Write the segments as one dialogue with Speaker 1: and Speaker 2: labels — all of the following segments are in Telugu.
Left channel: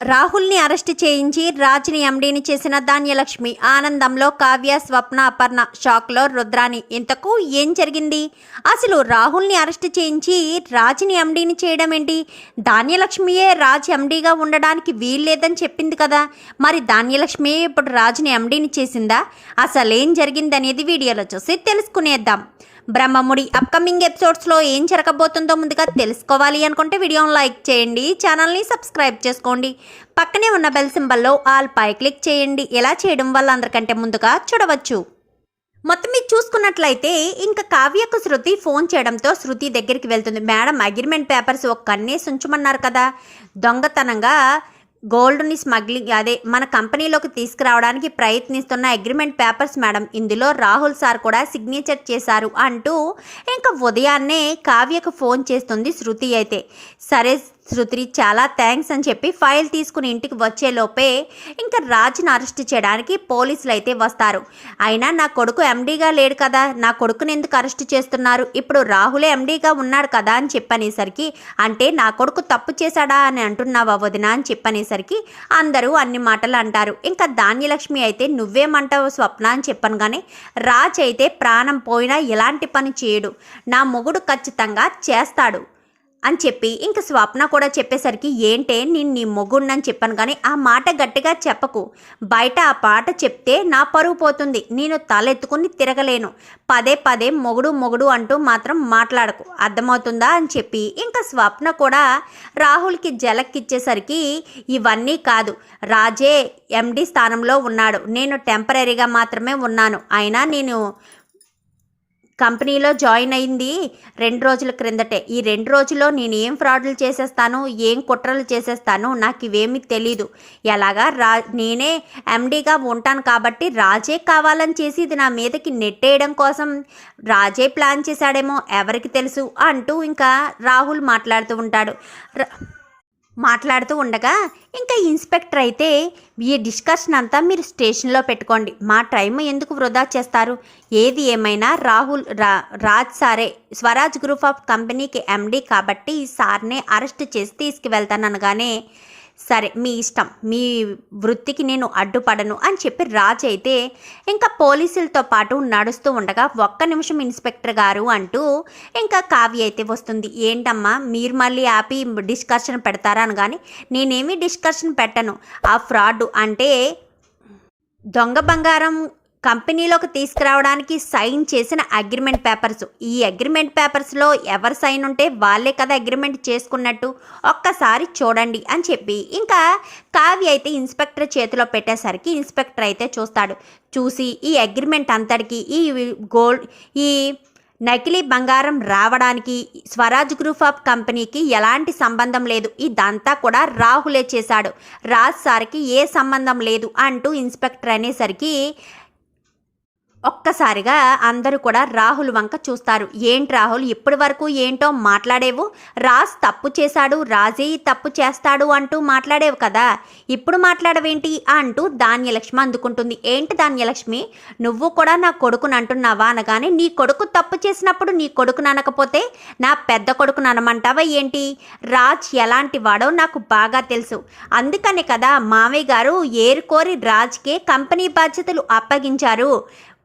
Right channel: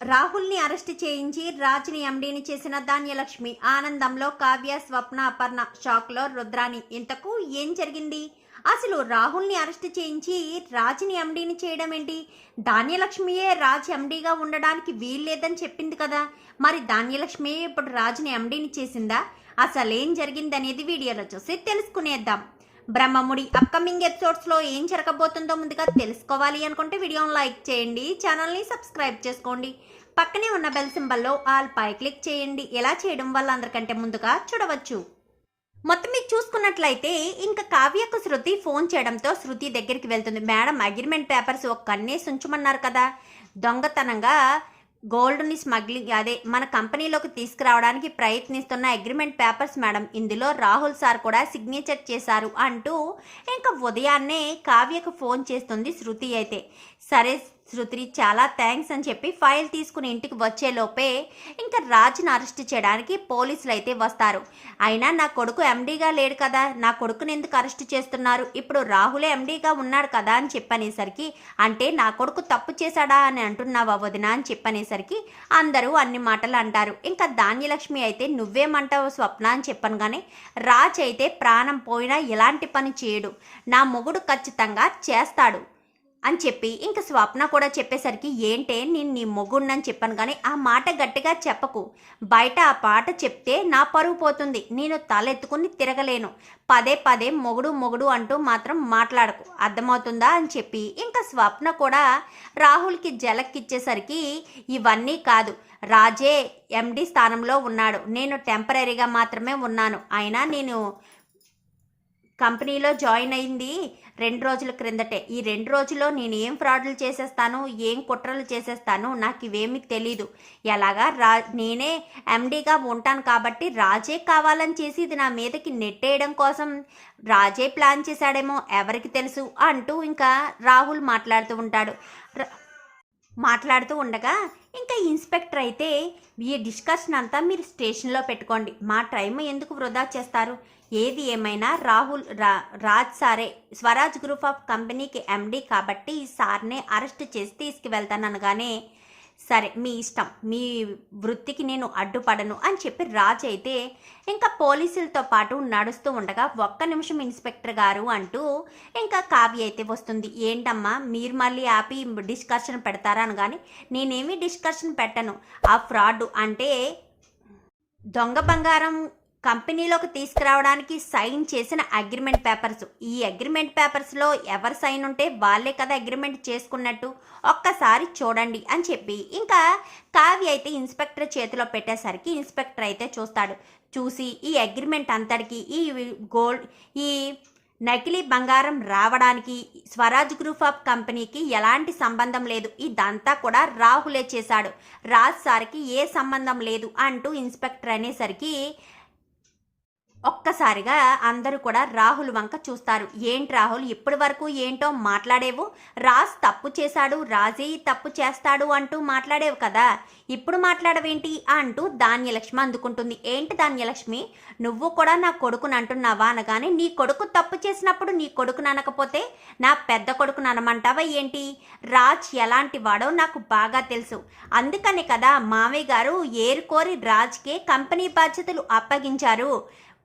Speaker 1: రాహుల్ని అరెస్ట్ చేయించి రాజ్ని ఎండీని చేసిన ధాన్యలక్ష్మి ఆనందంలో కావ్య స్వప్న అపర్ణ షాక్లో రుద్రాని. ఇంతకు ఏం జరిగింది? అసలు రాహుల్ని అరెస్ట్ చేయించి రాజ్ని ఎండీని చేయడం ఏంటి? ధాన్యలక్ష్మియే రాజ్ ఎండీగా ఉండడానికి వీల్లేదని చెప్పింది కదా. మరి ధాన్యలక్ష్మియే ఇప్పుడు రాజ్ని ఎండీని చేసిందా? అసలు ఏం జరిగిందనేది వీడియోలో చూసి తెలుసుకునేద్దాం. బ్రహ్మముడి అప్కమింగ్ ఎపిసోడ్స్లో ఏం జరగబోతుందో ముందుగా తెలుసుకోవాలి అనుకుంటే వీడియోని లైక్ చేయండి ఛానల్ని సబ్స్క్రైబ్ చేసుకోండి. పక్కనే ఉన్న బెల్ సింబల్లో ఆల్ పై క్లిక్ చేయండి. ఎలా చేయడం వల్ల అందరికంటే ముందుగా చూడవచ్చు. మొత్తం మీరు చూసుకున్నట్లయితే ఇంకా కావ్యకు శృతి ఫోన్ చేయడంతో శృతి దగ్గరికి వెళ్తుంది. మేడం అగ్రిమెంట్ పేపర్స్ ఒక కన్నేసి ఉంచమన్నారు కదా. దొంగతనంగా గోల్డ్ని స్మగ్లింగ్ అదే మన కంపెనీలోకి తీసుకురావడానికి ప్రయత్నిస్తున్న అగ్రిమెంట్ పేపర్స్ మేడం. ఇందులో రాహుల్ సార్ కూడా సిగ్నేచర్ చేశారు అంటూ ఇంకా ఉదయాన్నే కావ్యకు ఫోన్ చేస్తుంది శృతి అయితే. సరే శృతి చాలా థ్యాంక్స్ అని చెప్పి ఫైల్ తీసుకుని ఇంటికి వచ్చేలోపే ఇంకా రాజ్ని అరెస్ట్ చేయడానికి పోలీసులు అయితే వస్తారు. అయినా నా కొడుకు ఎండీగా లేడు కదా నా కొడుకుని ఎందుకు అరెస్ట్ చేస్తున్నారు? ఇప్పుడు రాహులే ఎండీగా ఉన్నాడు కదా అని చెప్పనేసరికి అంటే నా కొడుకు తప్పు చేశాడా అని అంటున్నావా వదిన అని చెప్పనేసరికి అందరూ అన్ని మాటలు అంటారు. ఇంకా ధాన్యలక్ష్మి అయితే నువ్వేమంటావు స్వప్న అని చెప్పను కానీ రాజ్ అయితే ప్రాణం పోయినా ఎలాంటి పని చేయడు. నా మొగుడు ఖచ్చితంగా చేస్తాడు. అని చెప్పి ఇంక స్వప్న కూడా చెప్పేసరికి ఏంటే నేను నీ మొగుడినని చెప్పాను కానీ ఆ మాట గట్టిగా చెప్పకు. బయట ఆ పాట చెప్తే నా పరువు పోతుంది. నేను తలెత్తుకుని తిరగలేను. పదే పదే మొగుడు మొగుడు అంటూ మాత్రం మాట్లాడకు. అర్థమవుతుందా అని చెప్పి ఇంకా స్వప్న కూడా రాహుల్కి జలక్కిచ్చేసరికి ఇవన్నీ కాదు. రాజే ఎండి స్థానంలో ఉన్నాడు. నేను టెంపరీగా మాత్రమే ఉన్నాను. అయినా నేను కంపెనీలో జాయిన్ అయింది రెండు రోజుల క్రిందటే. ఈ రెండు రోజుల్లో నేను ఏం ఫ్రాడ్లు చేసేస్తాను ఏం కుట్రలు చేసేస్తాను నాకు ఇవేమీ తెలీదు. ఎలాగా రా నేనే ఎండీగా ఉంటాను కాబట్టి రాజే కావాలని చేసి ఇది నా మీదకి నెట్టేయడం కోసం రాజే ప్లాన్ చేశాడేమో ఎవరికి తెలుసు అంటూ ఇంకా రాహుల్ మాట్లాడుతూ ఉంటాడు. రా మాట్లాడుతూ ఉండగా ఇంకా ఇన్స్పెక్టర్ అయితే ఈ డిస్కషన్ అంతా మీరు స్టేషన్లో పెట్టుకోండి. మా టైం ఎందుకు వృధా చేస్తారు? ఏది ఏమైనా రాహుల్ రా రాజ్ సారే స్వరాజ్ గ్రూప్ ఆఫ్ కంపెనీకి ఎండీ కాబట్టి ఈ సార్నే అరెస్ట్ చేసి తీసుకువెళ్తాననగానే సరే మీ ఇష్టం. మీ వృత్తికి నేను అడ్డుపడను అని చెప్పి రాజ్ అయితే ఇంకా పోలీసులతో పాటు నడుస్తూ ఉండగా ఒక్క నిమిషం ఇన్స్పెక్టర్ గారు అంటూ ఇంకా కావ్య అయితే వస్తుంది. ఏంటమ్మా మీరు మళ్ళీ ఆపి డిస్కషన్ పెడతారా అని కానీ నేనేమి డిస్కషన్ పెట్టను. ఆ ఫ్రాడ్ అంటే దొంగ బంగారం కంపెనీలోకి తీసుకురావడానికి సైన్ చేసిన అగ్రిమెంట్ పేపర్స్. ఈ అగ్రిమెంట్ పేపర్స్లో ఎవరు సైన్ ఉంటే వాళ్ళే కదా అగ్రిమెంట్ చేసుకున్నట్టు ఒక్కసారి చూడండి అని చెప్పి. ఇంకా కావ్య అయితే ఇన్స్పెక్టర్ చేతిలో పెట్టేసరికి ఇన్స్పెక్టర్ అయితే చూస్తాడు. చూసి ఈ అగ్రిమెంట్ అంతటికి ఈ గోల్డ్ ఈ నకిలీ బంగారం రావడానికి స్వరాజ్ గ్రూప్ ఆఫ్ కంపెనీకి ఎలాంటి సంబంధం లేదు. ఇదంతా కూడా రాహులే చేశాడు. రాజ్ సార్కి ఏ సంబంధం లేదు అంటూ ఇన్స్పెక్టర్ అనేసరికి ఒక్కసారిగా అందరూ కూడా రాహుల్ వంక చూస్తారు. ఏంటి రాహుల్ ఇప్పటి వరకు ఏంటో మాట్లాడేవు? రాజ్ తప్పు చేశాడు రాజే తప్పు చేస్తాడు అంటూ మాట్లాడేవు కదా. ఇప్పుడు మాట్లాడవేంటి అంటూ ధాన్యలక్ష్మి అందుకుంటుంది. ఏంటి ధాన్యలక్ష్మి? నువ్వు కూడా నా కొడుకుని అంటున్నావా అనగానే నీ కొడుకు తప్పు చేసినప్పుడు నీ కొడుకుని అనకపోతే నా పెద్ద కొడుకుని అనమంటావా ఏంటి? రాజ్ ఎలాంటి వాడో నాకు బాగా తెలుసు. అందుకనే కదా మావయ్య గారు ఏరుకోరి రాజ్కే కంపెనీ బాధ్యతలు అప్పగించారు.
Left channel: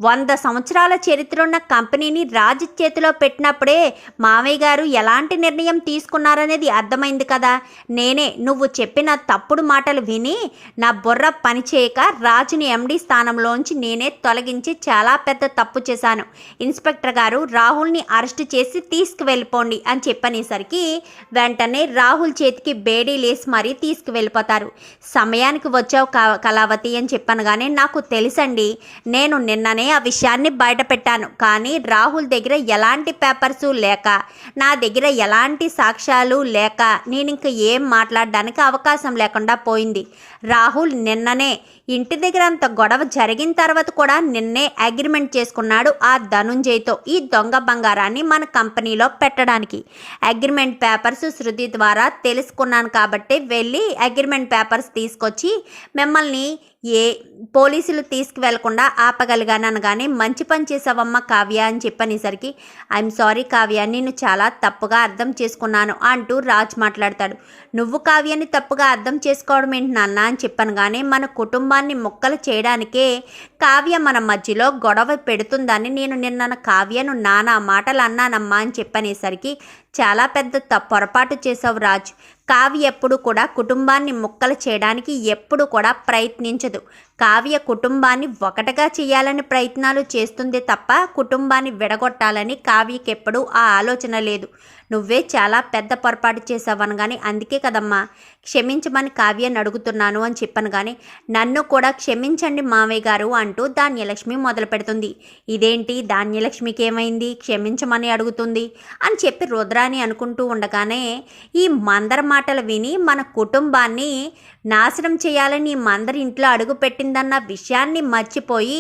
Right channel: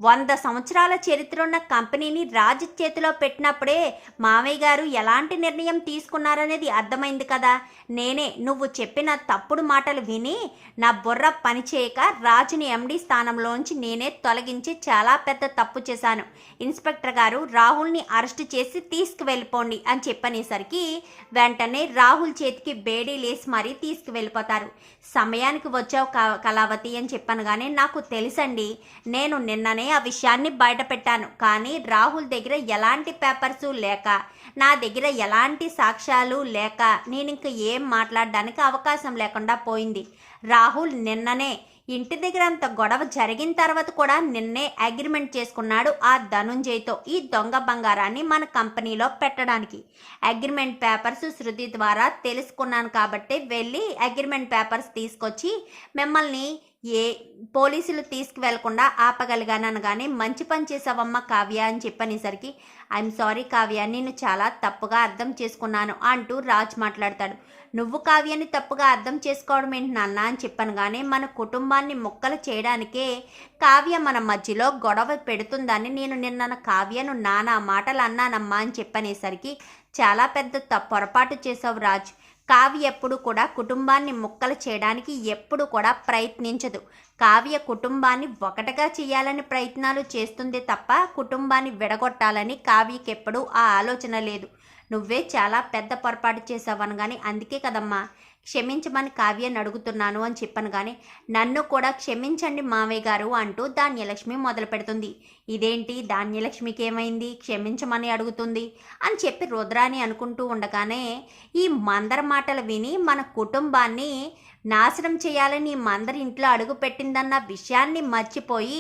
Speaker 1: వంద సంవత్సరాల చరిత్ర ఉన్న కంపెనీని రాజు చేతిలో పెట్టినప్పుడే మామయ్య గారు ఎలాంటి నిర్ణయం తీసుకున్నారనేది అర్థమైంది కదా. నేనే నువ్వు చెప్పిన తప్పుడు మాటలు విని నా బుర్ర పనిచేయక రాజుని ఎండి స్థానంలోంచి నేనే తొలగించి చాలా పెద్ద తప్పు చేశాను. ఇన్స్పెక్టర్ గారు రాహుల్ని అరెస్ట్ చేసి తీసుకువెళ్ళిపోండి అని చెప్పనేసరికి వెంటనే రాహుల్ చేతికి బేడీ లేసి మరీ తీసుకువెళ్ళిపోతారు. సమయానికి వచ్చావు కా- కళావతి అని చెప్పాను కానీ నాకు తెలుసండి. నేను నిన్ననే ఆ విషయాన్ని బయట పెట్టాను కానీ రాహుల్ దగ్గర ఎలాంటి పేపర్స్ లేక నా దగ్గర ఎలాంటి సాక్ష్యాలు లేక నేను ఇంక ఏం మాట్లాడడానికి అవకాశం లేకుండా పోయింది. రాహుల్ నిన్ననే ఇంటి దగ్గర అంత గొడవ జరిగిన తర్వాత కూడా నిన్నే అగ్రిమెంట్ చేసుకున్నాడు ఆ ధనుంజయ్తో ఈ దొంగ బంగారాన్ని మన కంపెనీలో పెట్టడానికి. అగ్రిమెంట్ పేపర్స్ శృతి ద్వారా తెలుసుకున్నాను కాబట్టి వెళ్ళి అగ్రిమెంట్ పేపర్స్ తీసుకొచ్చి మిమ్మల్ని ఏ పోలీసులు తీసుకువెళ్ళకుండా ఆపగలిగానని కానీ మంచి పని చేసావమ్మ కావ్య అని చెప్పనేసరికి ఐఎమ్ సారీ కావ్య నేను చాలా తప్పుగా అర్థం చేసుకున్నాను అంటూ రాజ్ మాట్లాడతాడు. నువ్వు కావ్యాన్ని తప్పుగా అర్థం చేసుకోవడం ఏంటి నాన్న అని చెప్పాను కానీ మన కుటుంబాన్ని మొక్కలు చేయడానికే కావ్య మన మధ్యలో గొడవ పెడుతుందని నేను నిన్న కావ్యను నానా మాటలు అన్నానమ్మా అని చెప్పనేసరికి చాలా పెద్ద త పొరపాటు చేసావు రాజు. కావ్య ఎప్పుడు కూడా కుటుంబాన్ని ముక్కలు చేయడానికి ఎప్పుడు కూడా ప్రయత్నించదు. కావ్య కుటుంబాన్ని ఒకటిగా చేయాలని ప్రయత్నాలు చేస్తుంది తప్ప కుటుంబాన్ని విడగొట్టాలని కావ్యకి ఎప్పుడూ ఆ ఆలోచన లేదు. నువ్వే చాలా పెద్ద పొరపాటు చేసావని కానీ అందుకే కదమ్మా. క్షమించమని కావ్యాన్ని అడుగుతున్నాను అని చెప్పాను కానీ నన్ను కూడా క్షమించండి మావయ్య గారు అంటూ ధాన్యలక్ష్మి మొదలు పెడుతుంది. ఇదేంటి? ధాన్యలక్ష్మికి ఏమైంది? క్షమించమని అడుగుతుంది అని చెప్పి రుద్రాని అనుకుంటూ ఉండగానే ఈ మందర మాటలు విని మన కుటుంబాన్ని నాశనం చేయాలని మందరి ఇంట్లో అడుగుపెట్టిందన్న విషయాన్ని మర్చిపోయి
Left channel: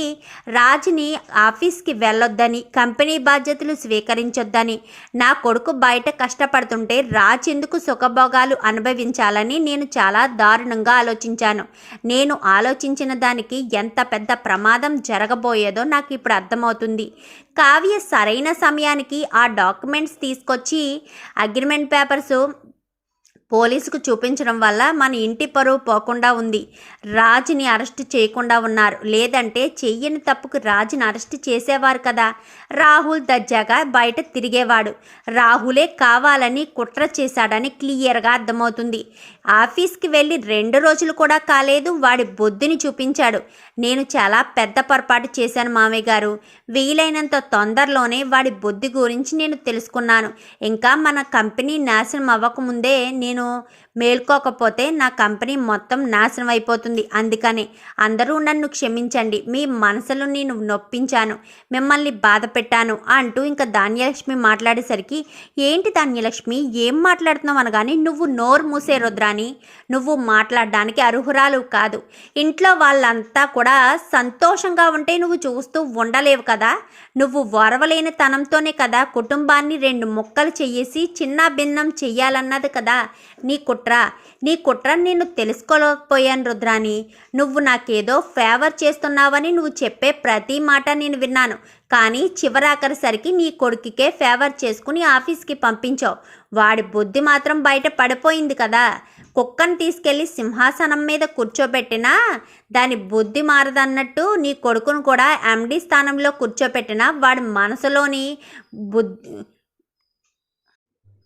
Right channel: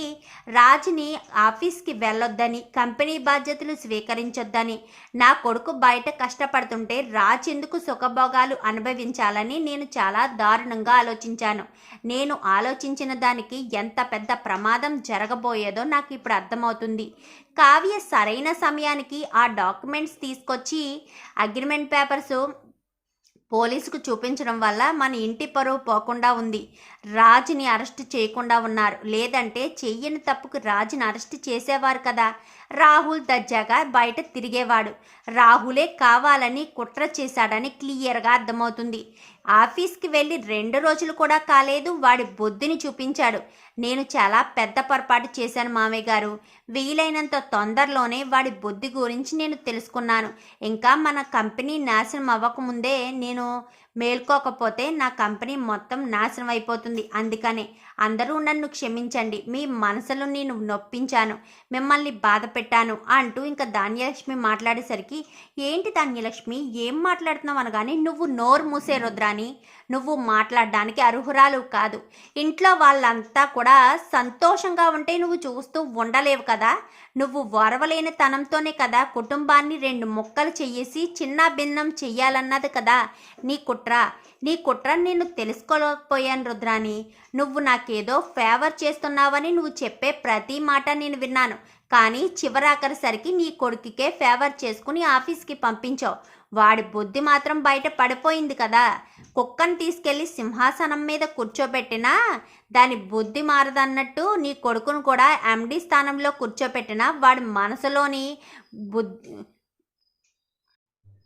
Speaker 1: రాజుని ఆఫీస్కి వెళ్ళొద్దని కంపెనీ బాధ్యతలు స్వీకరించొద్దని నా కొడుకు బయట కష్టపడుతుంటే రాజ్ ఎందుకు సుఖభోగాలు అనుభవించాలని నేను చాలా దారుణంగా ఆలోచించాను. నేను ఆలోచించిన దానికి ఎంత పెద్ద ప్రమాదం జరగబోయేదో నాకు ఇప్పుడు అర్థమవుతుంది. కావ్య సరైన సమయానికి ఆ డాక్యుమెంట్స్ తీసుకొచ్చి అగ్రిమెంట్ పేపర్స్ పోలీసుకు చూపించడం వల్ల మన ఇంటి పరువు పోకుండా ఉంది. రాజుని అరెస్ట్ చేయకుండా ఉన్నారు. లేదంటే చెయ్యని తప్పుకు రాజుని అరెస్ట్ చేసేవారు కదా. రాహుల్ దర్జాగా బయట తిరిగేవాడు. రాహులే కావాలని కుట్ర చేశాడని క్లియర్గా అర్థమవుతుంది. ఆఫీస్కి వెళ్ళి రెండు రోజులు కూడా కాలేదు వాడి బొద్దుని చూపించాడు. నేను చాలా పెద్ద పొరపాటు చేశాను మామయ్య గారు. వీలైనంత తొందరలోనే వాడి బుద్ధి గురించి నేను తెలుసుకున్నాను. ఇంకా మన కంపెనీ నాశనం అవ్వకముందే నేను మేల్కోకపోతే నా కంపెనీ మొత్తం నాశనం అయిపోతుంది. అందుకని అందరూ నన్ను క్షమించండి. మీ మనసులో నేను నొప్పించాను. మిమ్మల్ని బాధ పెట్టాను అంటూ ఇంకా ధాన్యలక్ష్మి మాట్లాడేసరికి ఏంటి ధాన్యలక్ష్మి? ఏం మాట్లాడుతున్నావు అనగాని నువ్వు నోరు మూసే రుద్రాని నువ్వు మాట్లాడడానికి అర్హురాలు కాదు. ఇంట్లో వాళ్ళంతా కూడా సంతోషంగా ఉంటే నువ్వు చూస్తూ ఉండలేవు కదా? నువ్వు వరవలేని తనంతోనే కదా కుటుంబాన్ని రెండు ముక్కలు చెయ్యేసి చిన్న భిన్నం చెయ్యాలన్నది కదా నీ కుట్ర. నీ కుట్ర నేను తెలుసుకోలేకపోయాను రుద్రాని నువ్వు నాకేదో ఫేవర్ చేస్తున్నావని నువ్వు చెప్పే ప్రతి మాట నేను విన్నాను. కానీ చివరాఖరిసరికి నీ కొడుకుకే ఫేవర్ చేసుకుని ఆఫీస్కి పంపించావు. వాడి బుద్ధి మాత్రం బయట పడిపోయింది కదా. కుక్కను తీసుకెళ్ళి సింహాసనం మీద కూర్చోబెట్టినా దాని బుద్ధి మారదన్నట్టు నీ కొడుకును కూడా ఎండి స్థానంలో కూర్చోబెట్టినా వాడి మనసులోని బుద్ధి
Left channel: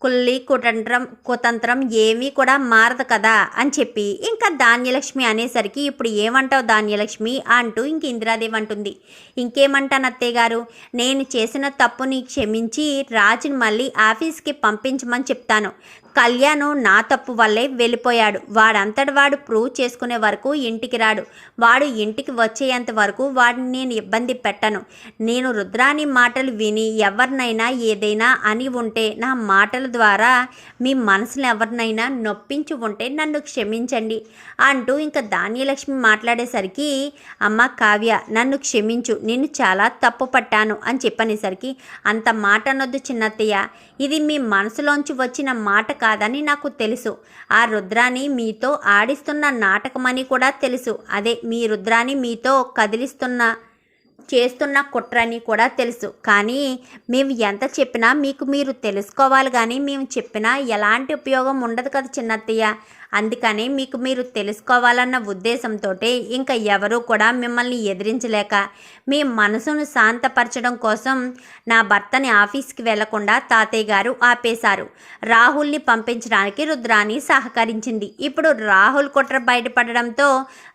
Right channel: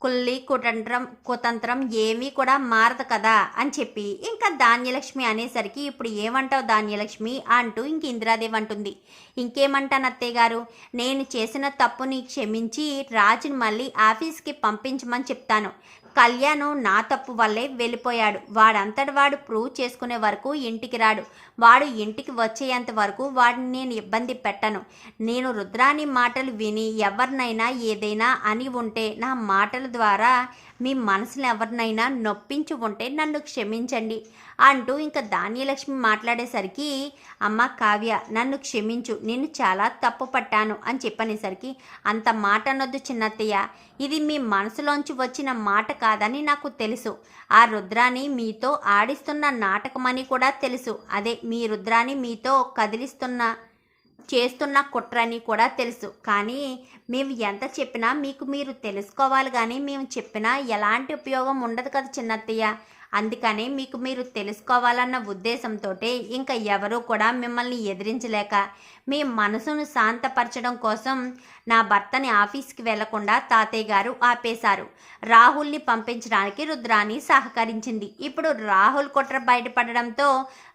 Speaker 1: కుల్లి కుతంత్రం కుతంత్రం ఏమీ కూడా మారదు కదా అని చెప్పి ఇంకా ధాన్యలక్ష్మి అనేసరికి ఇప్పుడు ఏమంటావు ధాన్యలక్ష్మి అంటూ ఇంక ఇందిరాదేవి అంటుంది. ఇంకేమంటాను అత్తయ్య గారు? నేను చేసిన తప్పుని క్షమించి రాజుని మళ్ళీ ఆఫీస్కి పంపించమని చెప్తాను. కళ్యాణ్ నా తప్పు వల్లే వెళ్ళిపోయాడు. వాడంతటి వాడు ప్రూవ్ చేసుకునే వరకు ఇంటికి రాడు. వాడు ఇంటికి వచ్చేంత వరకు వాడిని నేను ఇబ్బంది పెట్టను. నేను రుద్రాని మాటలు విని ఎవరినైనా ఏదైనా అని ఉంటే నా మాటల ద్వారా మీ మనసును ఎవరినైనా నొప్పించి ఉంటే నన్ను క్షమించండి అంటూ ఇంకా ధాన్యలక్ష్మి మాట్లాడేసరికి అమ్మ కావ్య నన్ను క్షమించు. నేను చాలా తప్పు పట్టాను అని చెప్పనేసరికి అంత మాట అనొద్దు చిన్నత్తయ్య. ఇది మీ మనసులోంచి వచ్చిన మాట కాదని నాకు తెలుసు. ఆ రుద్రాని మీతో ఆడిస్తున్న నాటకమని కూడా తెలుసు. అదే మీ రుద్రాని మీతో కదిలిస్తున్న చేస్తున్న కుట్రని కూడా తెలుసు. కానీ మేము ఎంత చెప్పినా మీకు మీరు తెలుసుకోవాలి కానీ మేము చెప్పినా ఎలాంటి ఉపయోగం ఉండదు కదా చిన్నత్తయ్య. అందుకని మీకు మీరు తెలుసుకోవాలన్న ఉద్దేశంతో ఇంకా ఎవరూ కూడా మిమ్మల్ని ఎదిరించలేక మీ మనసును శాంతపరచడం కోసం నా భర్తని ఆఫీస్కి వెళ్ళకుండా తాతయ్య గారు ఆపేశారు. రాహుల్ని పంపించడానికి రుద్రాని సహకరించింది. ఇప్పుడు రాహుల్ కుట్ర బయటపడడంతో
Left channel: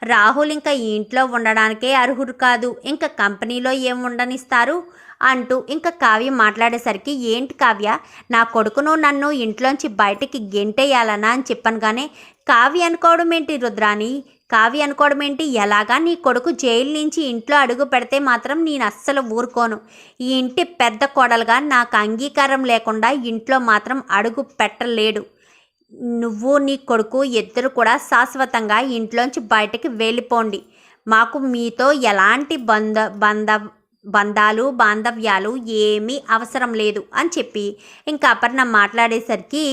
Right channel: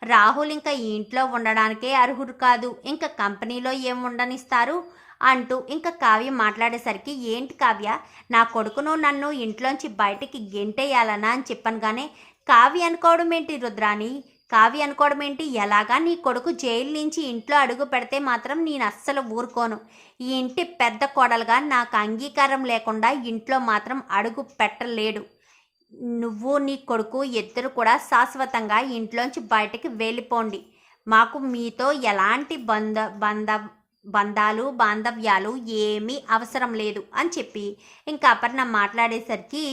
Speaker 1: రాహుల్ ఇంకా ఇంట్లో ఉండడానికే అర్హుడు కాదు. ఇంకా కంపెనీలో ఏం ఉండనిస్తారు? అంటూ ఇంకా కావ్య మాట్లాడేసరికి ఏంటి కావ్య? నా కొడుకును నన్ను ఇంట్లోంచి బయటికి గెంటేయాలనా? అని చెప్పాను కానీ కావ్య అనుకోవడం ఏంటి రుద్రాని కావి అనుకోవడం ఏంటి? ఎలాగా నీ కొడుకు జైలు నుంచి ఇంట్లో అడుగు పెడితే మాత్రం నేను అస్సలు ఊరుకోను. ఈ ఇంటి పెద్ద కోడలుగా నాకు అంగీకారం లేకుండా ఇంట్లో మాత్రం అడుగు పెట్టలేడు. నువ్వు నీ కొడుకు ఇద్దరు కూడా శాశ్వతంగా ఇంట్లోంచి బయటకి వెళ్ళిపోండి. మాకు మీతో ఎలాంటి బంధ బంధ బంధాలు బాంధవ్యాలు ఏమీ అవసరం లేదు అని చెప్పి ఇంకా అపర్ణ మాట్లాడేసరికి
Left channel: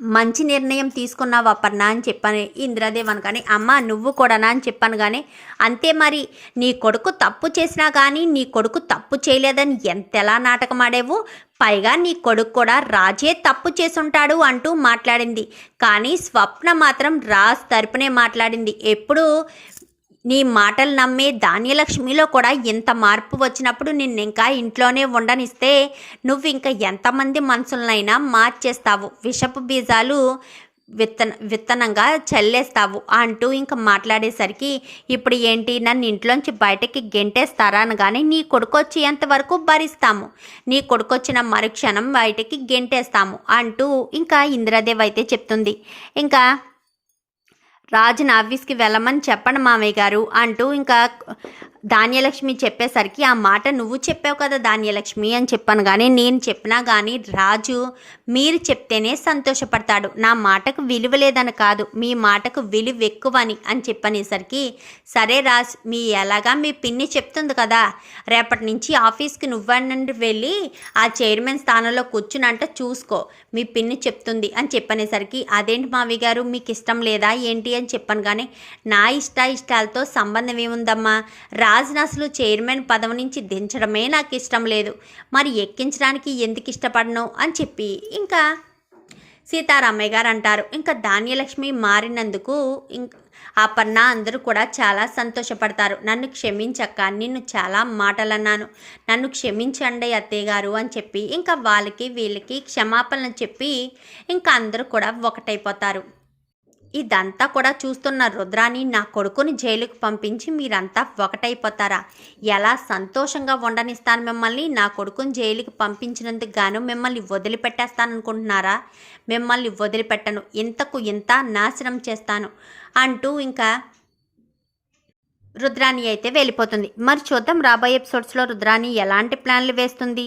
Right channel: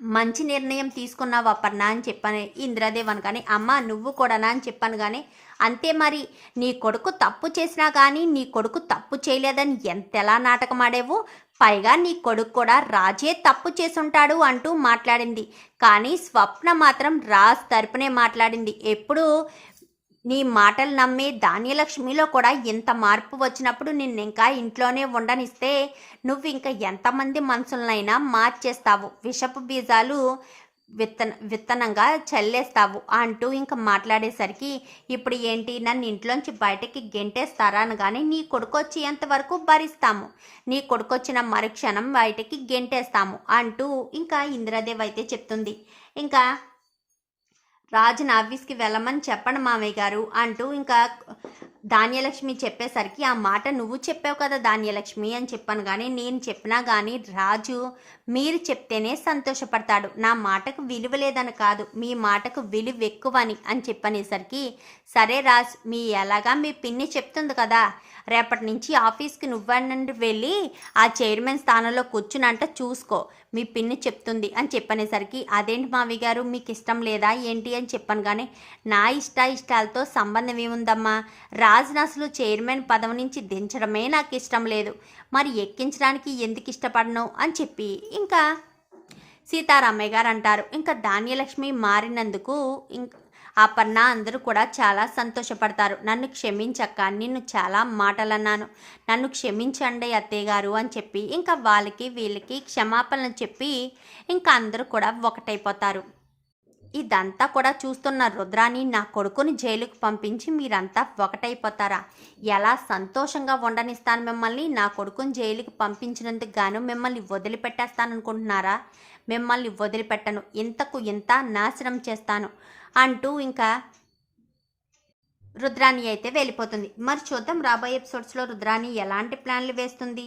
Speaker 1: మంచి నిర్ణయం తీసుకున్నావు అపర్ణ అని చెప్పాను. ఇంద్రదేవ్ అనగానే అమ్మ నువ్వు కూడానా అని చెప్పాను కానీ అంతే మరి. నీ కొడుకు తప్పు చేసినా కానీ నీ కొడుకు తప్పు చేయలేదని ఎంతెలా నాటకం ఆడేవు? పైగా నీ కొడుకు కూడా రాజే తప్పు చేసుంటాడు అంటూ మాట్లాడింది. కానీ స్వప్న మాత్రం రాజ్ తరపునే మాట్లాడింది. ఎప్పుడు నీ మాటలు నమ్మే ధాన్యలక్ష్మిలో కూడా ఇంత మార్పు వచ్చినప్పుడు నిన్ను ఇంకా ఇంట్లోనే ఉండనిస్తే నువ్వు ఇంకా ఎంతమంది మనుషులనైనా మార్చేస్తావు. విషపు బీజాలు విత్తన విత్తనంగా చల్లేస్తావు అంటూ ఇంకా మాట్లాడేసరికి ఇప్పుడు ఏంటి? నన్ను ఇంట్లోంచి బయటకి గెంటేస్తారా అనగానే నీ కొడుకు వచ్చేంత వరకు భరిస్తాము? నీ కొడుకు వచ్చిన మరుక్షణం బయటకి గెంటేస్తాము అంటూ ఇంకా ఇందిరాదేవి అయితే చెప్తుంది. ఇంకా రాజుని ఆఫీస్కి వెళ్ళమని చెప్పండి మామయ్య గారు అంటూ ఇంకా ధాన్యలక్ష్మి చెప్పేసరికి ఆ మాట నువ్వు చెప్పావు కదా ధాన్యలక్ష్మి అని చెప్పాను. కానీ నేను చెప్పినా కానీ రాజు మీరు చెప్తేనే సంతోషపడతాడు. నా మాటకు విలువ లేదని కాదు మీ మాటకు విలువ ఎక్కువని అని చెప్పనేసరికి సరే రాజ్ మీ ఎలాగా మీ పిన్ని చెప్తుంది కదా రేపటి నుంచి ఆఫీస్కి నువ్వనండి వెళ్ళి ఆ చైర్మన్ స్థానంలో కూర్చునంట చూసుకో మీ పిన్ని చెప్తుంది అని చెప్పనేసరికి అదేంటి మావి గారు మీకు ఇష్టం లేదా ఏంటి? అని చెప్పాను. కానీ నా ఇష్ట ఇష్టాలతో సంబంధం ఏముందమ్మా రా అసలు చైర్మన్ పదవి నుంచి దించడమే నాకు ఇష్టం లేదు. మరి ఎక్కించడానికి ఎందుకు ఇష్టపడను? అని చెప్పి ఇంకా సీతారామయ్య గారు అంటారు. ఇంకా ధాన్యలక్ష్మి మారినందుకు ఇంక అపర్ణ అందరూ కూడా చాలా సంతోషపడతారు. నన్ను క్షమించక్క నిన్ను చాలా మాటలు అన్నాను నన్ను క్షమించండి అత్తయ్య గారు అని చెప్పి ఇంకా వాళ్ళకి వీళ్ళకి క్షమాపణలు చెప్పి ఇంకా అందరూ కూడా ఒకటైపోతారు. ఇదంతా కూడా చూస్తున్న రుద్రాని నా కొడుకుని జైలుకు పంపించి మీరంతా ఒకటైపోతారా? ఎలా సంతోషంగా ఉండనిస్తాను మిమ్మల్ని? నా కొడుకుని జైలుకి పంపించినందుకు గాను మిమ్మల్ని వదిలిపెట్టేస్తాననుకుంటున్నారా? మిమ్మల్ని వదిలిపెట్టను. ఇంతకు ఇంత నాశనం చేస్తాను అంటూ ఇంకా రుద్రాణి అయితే వెళ్ళిపోతుంది. మరి చూద్దాం రాబోయే ఎపిసోడ్స్లో రుద్రాణి ఎలాంటి ప్లాన్లు వేస్తుంది?